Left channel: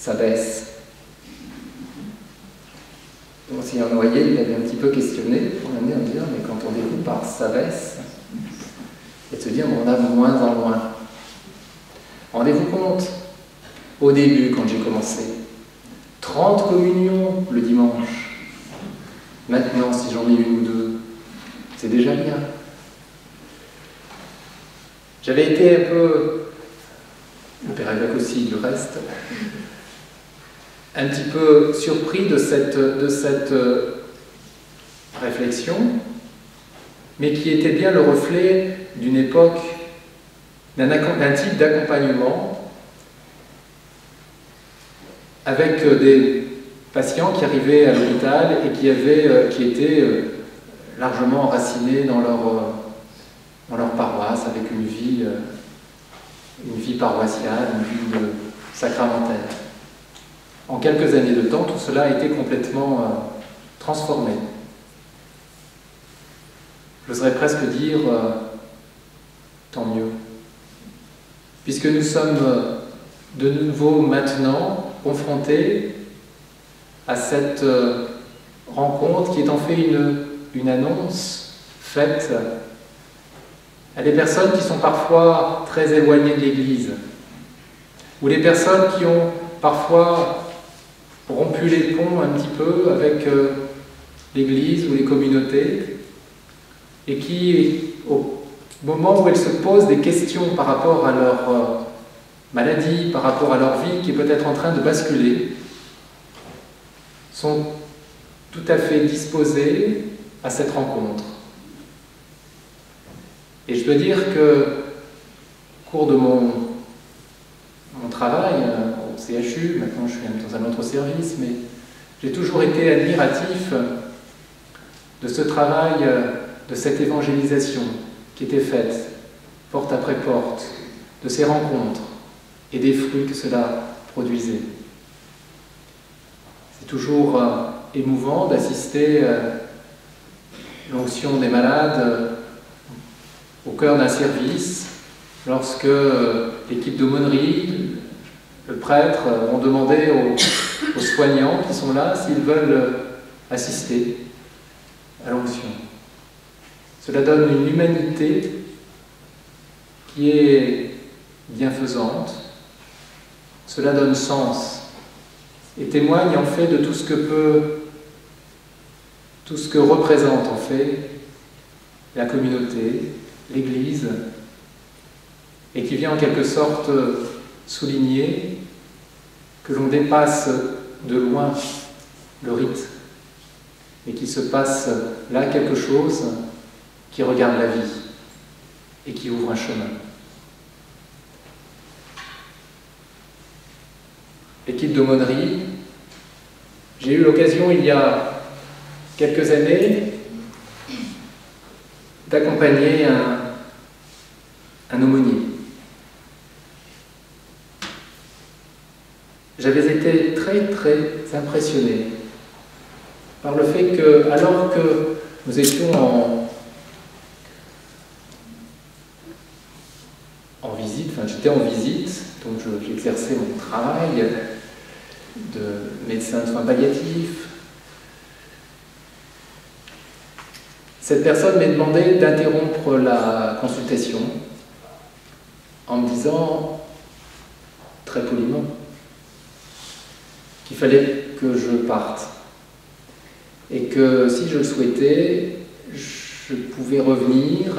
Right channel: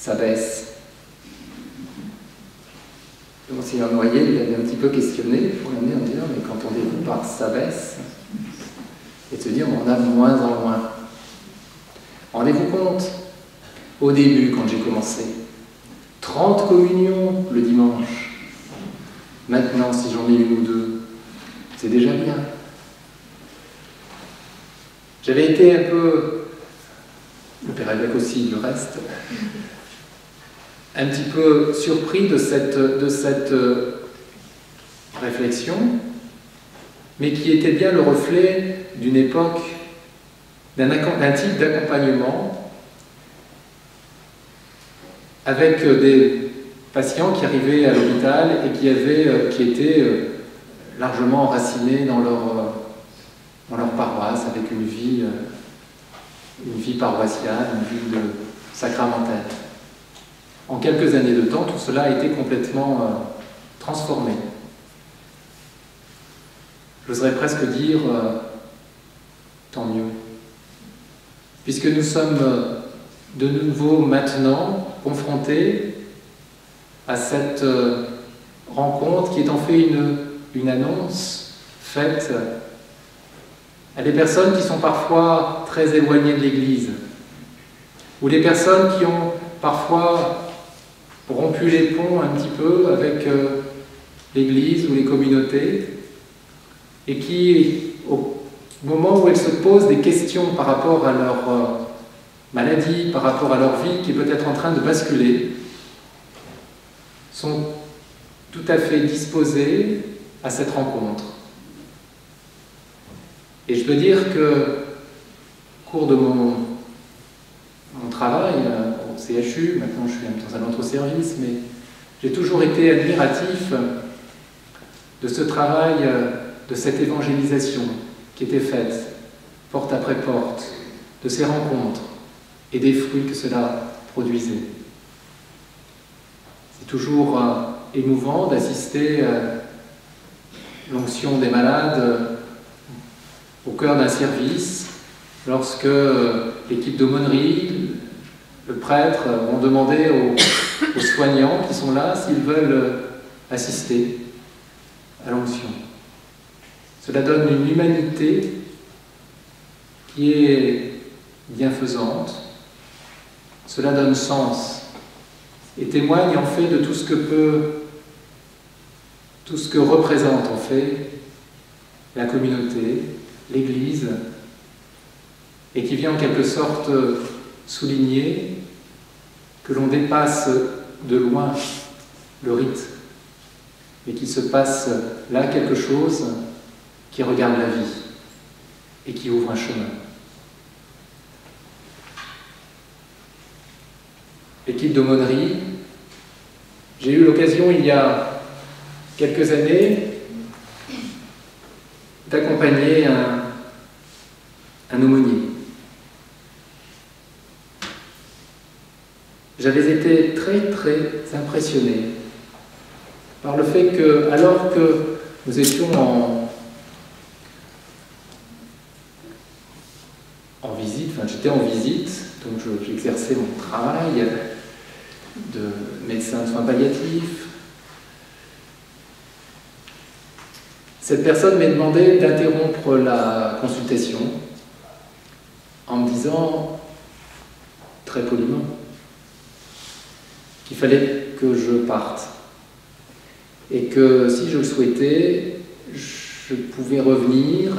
Ça baisse. Le Monseigneur Noyer, il avait un petit peu questionné pour l'amener à me dire, mais quand on découvre par ça baisse, et de se dire, on a de moins en moins. Rendez-vous compte, au début, quand j'ai commencé, 30 communions le dimanche. Maintenant, si j'en ai une ou deux, c'est déjà bien. J'avais été un peu, le Père Évêque aussi du reste, un petit peu surpris de cette réflexion, mais qui était bien le reflet d'une époque, d'un type d'accompagnement avec des patients qui arrivaient à l'hôpital et qui étaient largement enracinés dans leur paroisse, avec une vie paroissiale, une vie sacramentelle. En quelques années de temps, tout cela a été complètement transformé. J'oserais presque dire tant mieux. Puisque nous sommes de nouveau maintenant confrontés à cette rencontre qui est en fait une annonce faite à des personnes qui sont parfois très éloignées de l'Église, ou des personnes qui ont parfois rompu les ponts un petit peu avec l'Église ou les communautés, et qui, au moment où elles se posent des questions par rapport à leur maladie, par rapport à leur vie qui est peut-être en train de basculer, sont tout à fait disposées à cette rencontre. Et je peux dire que, au cours de mon travail au CHU, maintenant je suis même dans un autre service, mais j'ai toujours été admiratif de ce travail, de cette évangélisation qui était faite, porte après porte, de ces rencontres et des fruits que cela produisait. C'est toujours émouvant d'assister l'onction des malades au cœur d'un service, lorsque l'équipe d'aumônerie, le prêtre ont demandé aux soignants qui sont là s'ils veulent assister à l'onction. Cela donne une humanité qui est bienfaisante, cela donne sens et témoigne en fait de tout ce que représente en fait la communauté, l'Église, et qui vient en quelque sorte souligner que l'on dépasse de loin le rite et qu'il se passe là quelque chose qui regarde la vie et qui ouvre un chemin. L'équipe d'aumônerie, j'ai eu l'occasion il y a quelques années d'accompagner un aumônier. J'avais été très très impressionné par le fait que, alors que nous étions en visite, j'étais en visite, donc j'exerçais mon travail de médecin de soins palliatifs. Cette personne m'a demandé d'interrompre la consultation en me disant, très poliment, qu'il fallait que je parte et que si je le souhaitais, je pouvais revenir,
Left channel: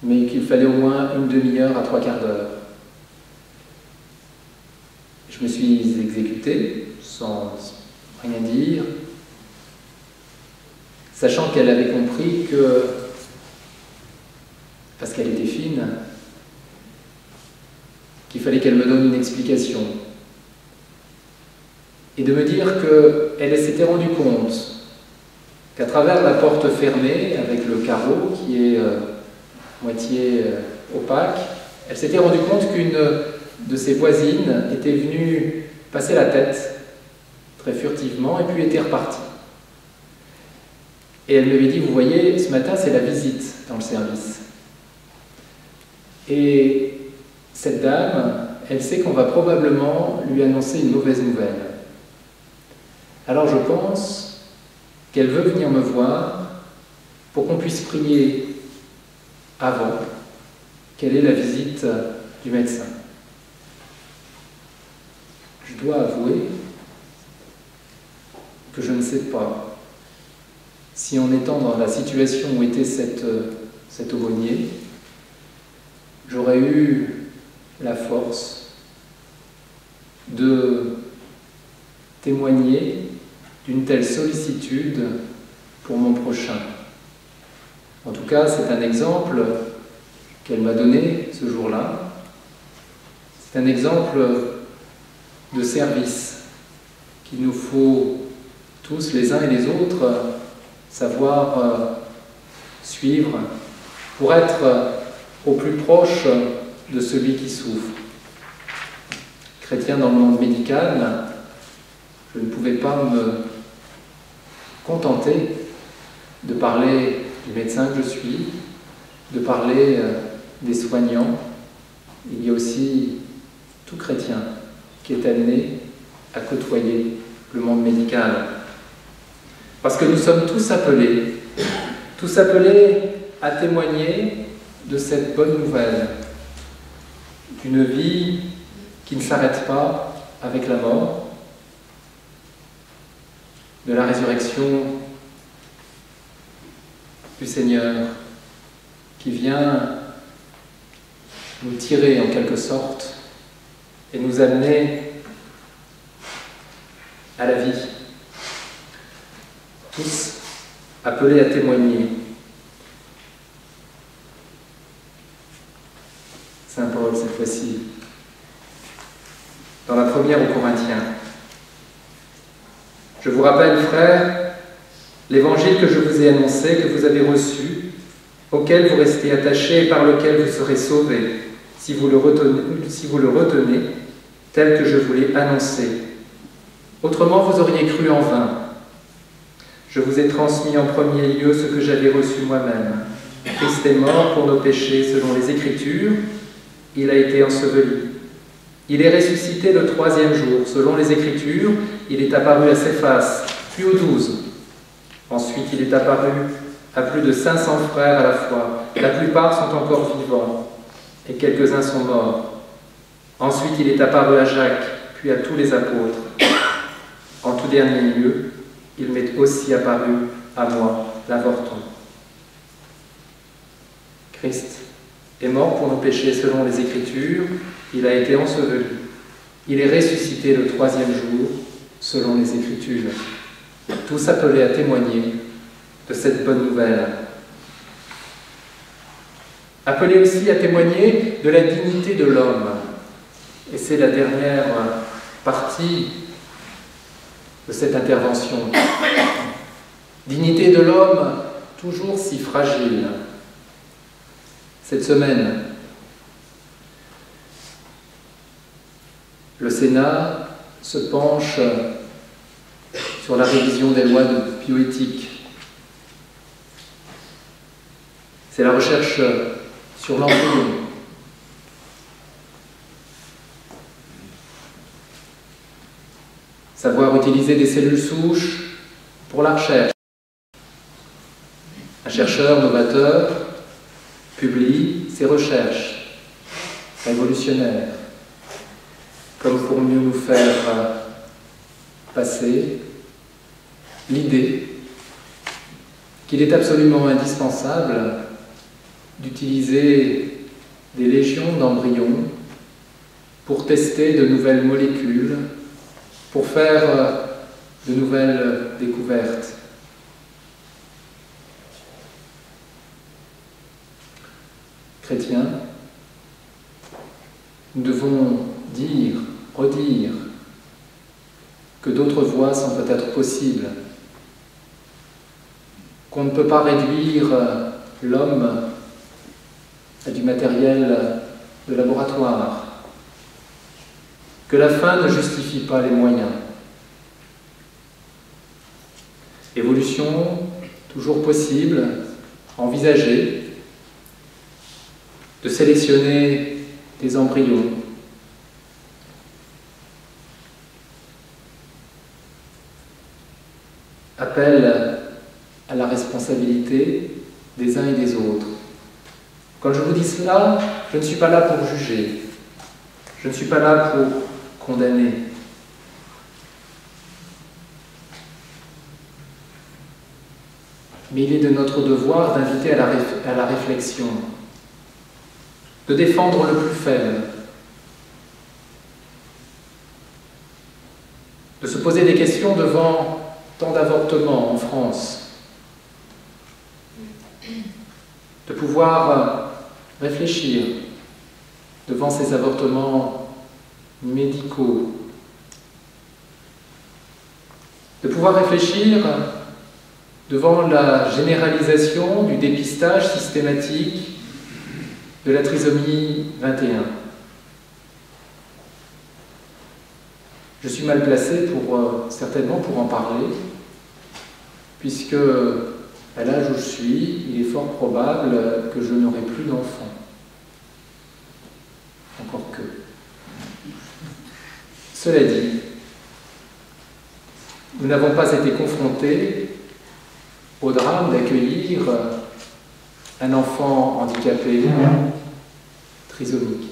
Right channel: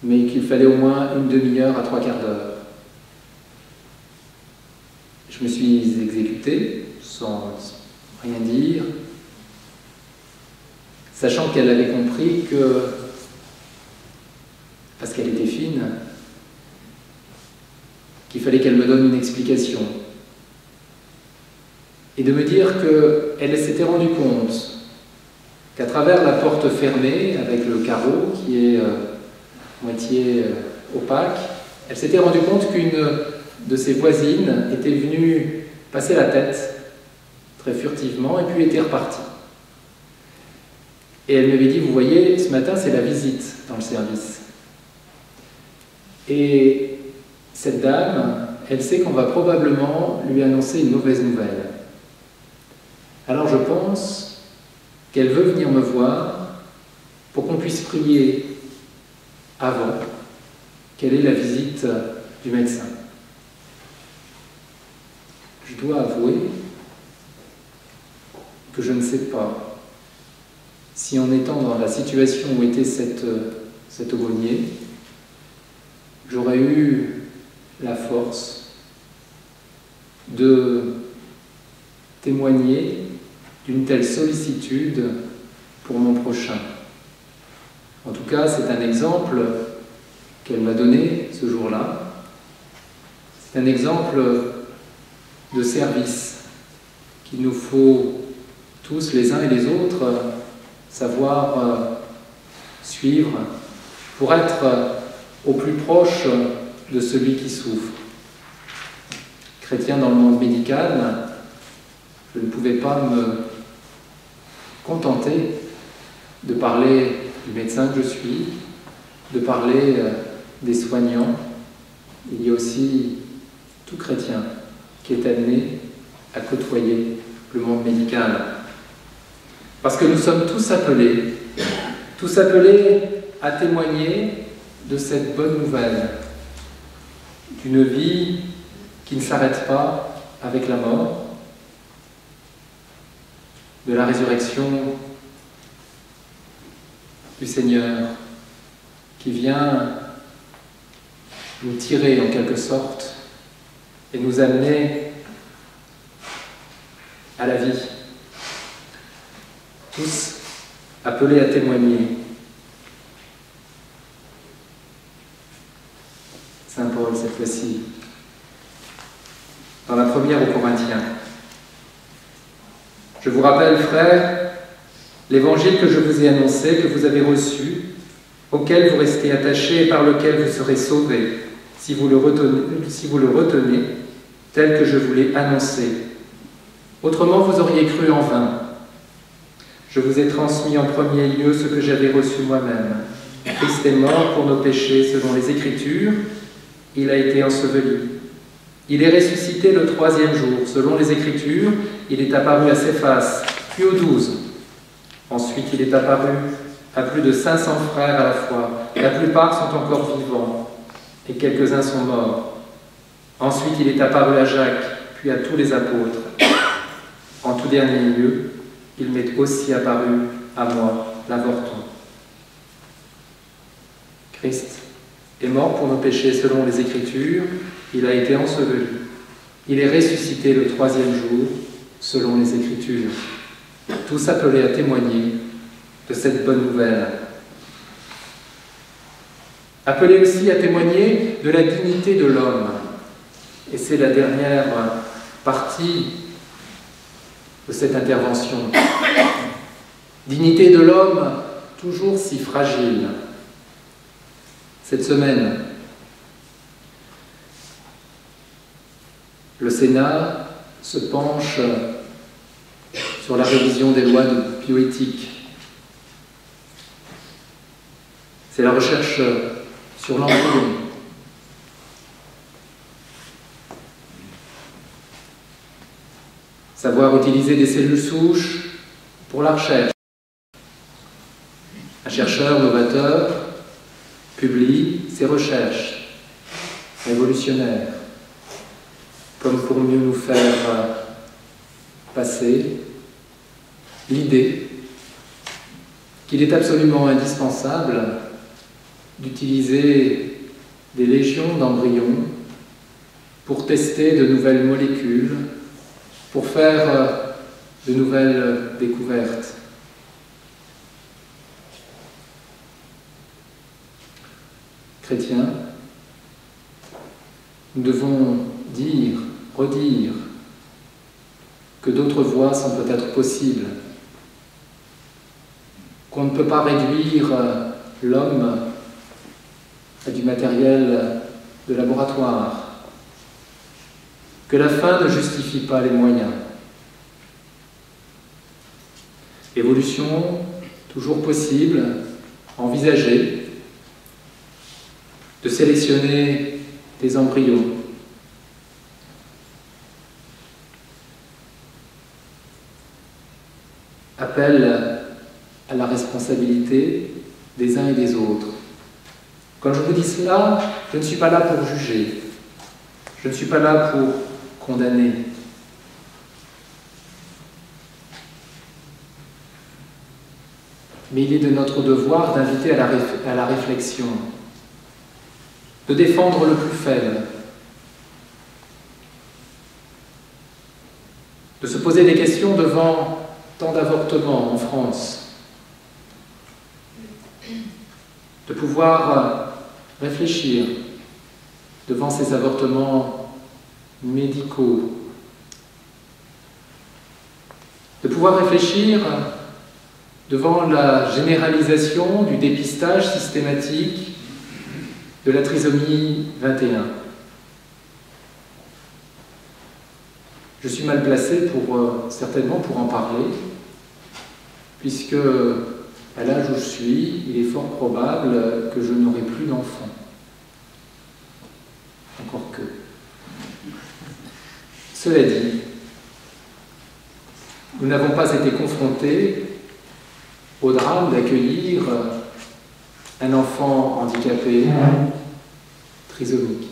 mais qu'il fallait au moins une demi-heure à 3/4 d'heure. Je me suis exécuté sans rien dire, sachant qu'elle avait compris que, parce qu'elle était fine, qu'il fallait qu'elle me donne une explication. Et de me dire qu'elle s'était rendue compte qu'à travers la porte fermée, avec le carreau qui est moitié opaque, elle s'était rendue compte qu'une de ses voisines était venue passer la tête très furtivement et puis était repartie. Et elle m'avait dit, vous voyez, ce matin c'est la visite dans le service. Et cette dame elle sait qu'on va probablement lui annoncer une mauvaise nouvelle. Alors je pense qu'elle veut venir me voir pour qu'on puisse prier avant quelle est la visite du médecin. Je dois avouer que je ne sais pas si en étant dans la situation où était cet aumônier, j'aurais eu la force de témoigner d'une telle sollicitude pour mon prochain. En tout cas, c'est un exemple qu'elle m'a donné ce jour-là. C'est un exemple de service qu'il nous faut tous, les uns et les autres, savoir suivre pour être au plus proche de celui qui souffre. Chrétien dans le monde médical, je ne pouvais pas me contenter de parler du médecin que je suis, de parler des soignants. Il y a aussi tout chrétien qui est amené à côtoyer le monde médical. Parce que nous sommes tous appelés à témoigner de cette bonne nouvelle, d'une vie qui ne s'arrête pas avec la mort, de la résurrection du Seigneur qui vient nous tirer en quelque sorte et nous amener à la vie. Tous appelés à témoigner. Saint Paul, cette fois-ci, dans la première aux Corinthiens. Je vous rappelle, frères, l'évangile que je vous ai annoncé, que vous avez reçu, auquel vous restez attachés et par lequel vous serez sauvés, si vous le retenez, tel que je vous l'ai annoncé. Autrement, vous auriez cru en vain. Je vous ai transmis en premier lieu ce que j'avais reçu moi-même. Christ est mort pour nos péchés selon les Écritures. Il a été enseveli. Il est ressuscité le 3e jour. Selon les Écritures, il est apparu à Céphas, puis aux 12. Ensuite, il est apparu à plus de 500 frères à la fois. La plupart sont encore vivants et quelques-uns sont morts. Ensuite, il est apparu à Jacques, puis à tous les apôtres. En tout dernier lieu, il m'est aussi apparu à moi, l'avorton. Christ est mort pour nos péchés selon les Écritures, il a été enseveli. Il est ressuscité le 3e jour selon les Écritures. Tous appelés à témoigner de cette bonne nouvelle. Appelés aussi à témoigner de la dignité de l'homme. Et c'est la dernière partie de cette intervention. Dignité de l'homme, toujours si fragile. Cette semaine, le Sénat se penche sur la révision des lois de bioéthique. C'est la recherche sur l'embryon. Savoir utiliser des cellules souches pour la recherche. Un chercheur novateur publie ses recherches révolutionnaires, comme pour mieux nous faire passer l'idée qu'il est absolument indispensable d'utiliser des légions d'embryons pour tester de nouvelles molécules, pour faire de nouvelles découvertes. Chrétiens, nous devons dire, redire, que d'autres voies sont peut-être possibles, qu'on ne peut pas réduire l'homme à du matériel de laboratoire, que la fin ne justifie pas les moyens. Évolution toujours possible, envisagée, de sélectionner des embryons appelle à la responsabilité des uns et des autres. Quand je vous dis cela, je ne suis pas là pour juger, je ne suis pas là pour condamner. Mais il est de notre devoir d'inviter à la réflexion, de défendre le plus faible, de se poser des questions devant tant d'avortements en France, de pouvoir réfléchir devant ces avortements médicaux, de pouvoir réfléchir devant la généralisation du dépistage systématique de la trisomie 21. Je suis mal placé certainement pour en parler, puisque à l'âge où je suis, il est fort probable que je n'aurai plus d'enfants. Encore que. Cela dit, nous n'avons pas été confrontés au drame d'accueillir un enfant handicapé trisomique.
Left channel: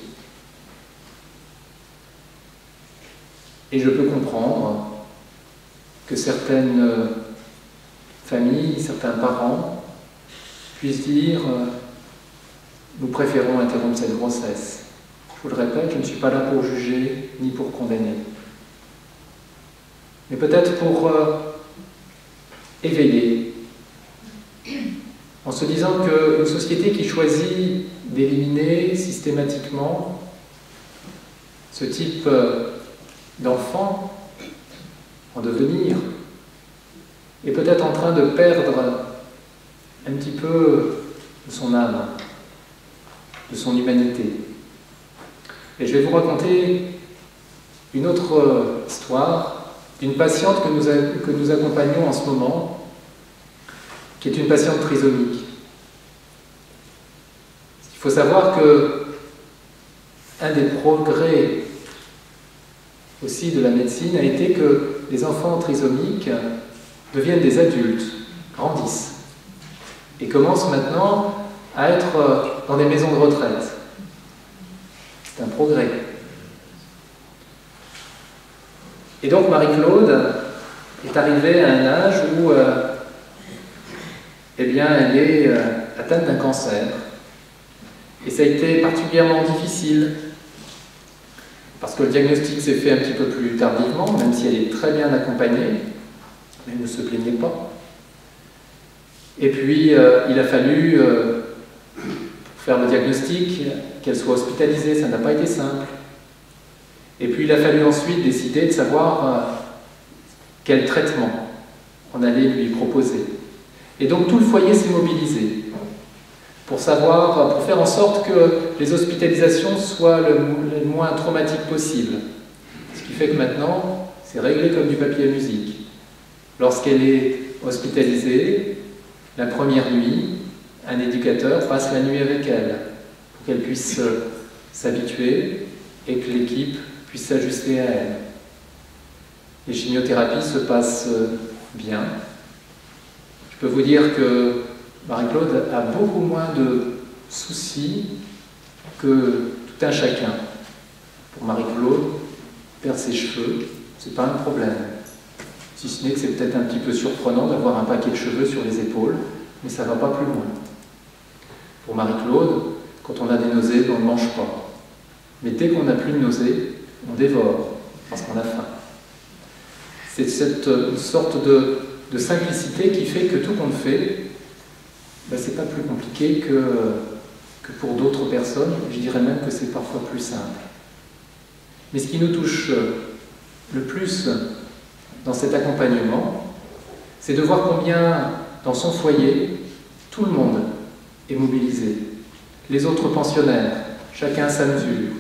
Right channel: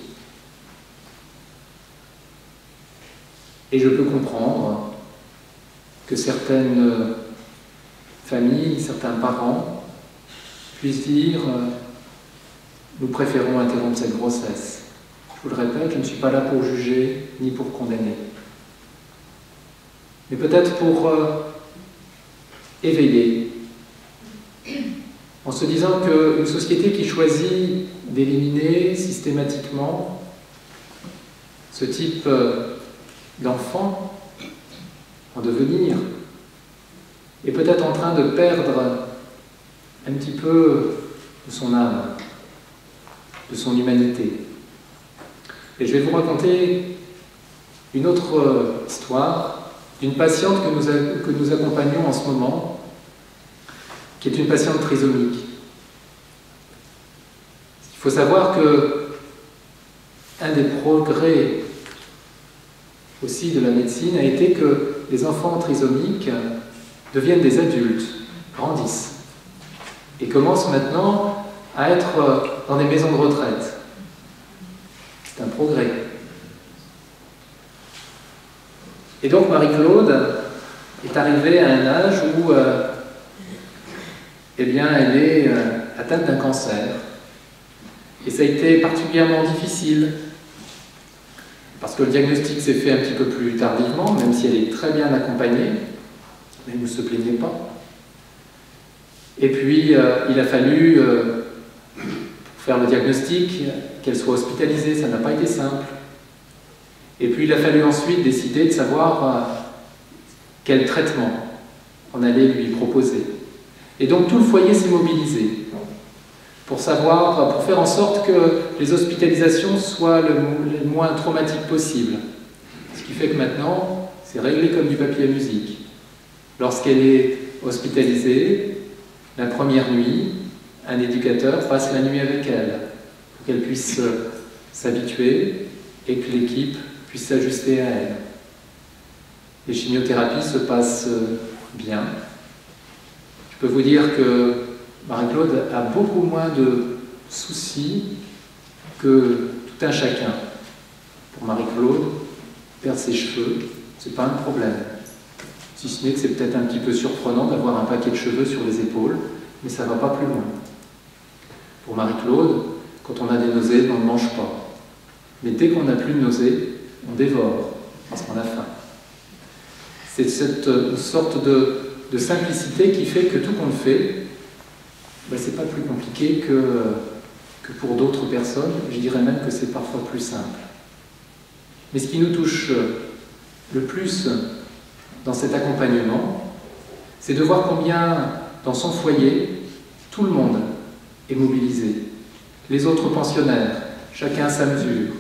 Et je peux comprendre que certaines familles, certains parents puissent dire « nous préférons interrompre cette grossesse ». Je vous le répète, je ne suis pas là pour juger ni pour condamner. Mais peut-être pour éveiller, en se disant qu'une société qui choisit d'éliminer systématiquement ce type d'enfant en devenir est peut-être en train de perdre un petit peu de son âme, de son humanité. Et je vais vous raconter une autre histoire d'une patiente que nous accompagnons en ce moment, qui est une patiente trisomique. Il faut savoir que un des progrès aussi de la médecine a été que les enfants trisomiques deviennent des adultes, grandissent, et commencent maintenant à être dans des maisons de retraite. C'est un progrès. Et donc Marie-Claude est arrivée à un âge où elle est atteinte d'un cancer. Et ça a été particulièrement difficile, parce que le diagnostic s'est fait un petit peu plus tardivement, même si elle est très bien accompagnée, mais ne se plaignez pas. Et puis, il a fallu, pour faire le diagnostic, qu'elle soit hospitalisée, ça n'a pas été simple. Et puis, il a fallu ensuite décider de savoir quel traitement on allait lui proposer. Et donc, tout le foyer s'est mobilisé pour faire en sorte que les hospitalisations soient le moins traumatiques possible. Ce qui fait que maintenant, c'est réglé comme du papier à musique. Lorsqu'elle est hospitalisée, la première nuit, un éducateur passe la nuit avec elle, pour qu'elle puisse s'habituer et que l'équipe puisse s'ajuster à elle. Les chimiothérapies se passent bien. Je peux vous dire que Marie-Claude a beaucoup moins de soucis que tout un chacun. Pour Marie-Claude, perdre ses cheveux, c'est pas un problème. Si ce n'est que c'est peut-être un petit peu surprenant d'avoir un paquet de cheveux sur les épaules, mais ça ne va pas plus loin. Pour Marie-Claude, quand on a des nausées, on ne mange pas. Mais dès qu'on n'a plus de nausées, on dévore, parce qu'on a faim. C'est une sorte de simplicité qui fait que tout qu'on fait, c'est pas plus compliqué que pour d'autres personnes. Je dirais même que c'est parfois plus simple. Mais ce qui nous touche le plus dans cet accompagnement, c'est de voir combien, dans son foyer, tout le monde est mobilisé. Les autres pensionnaires, chacun à sa mesure.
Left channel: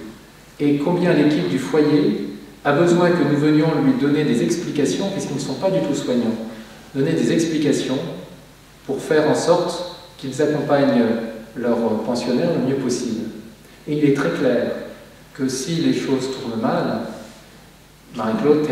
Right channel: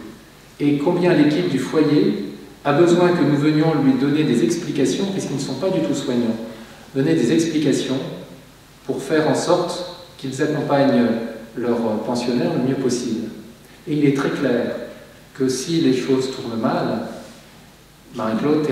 Et combien l'équipe du foyer a besoin que nous venions lui donner des explications, puisqu'ils ne sont pas du tout soignants, donner des explications pour faire en sorte qu'ils accompagnent leurs pensionnaires le mieux possible. Et il est très clair que si les choses tournent mal, Marie-Claude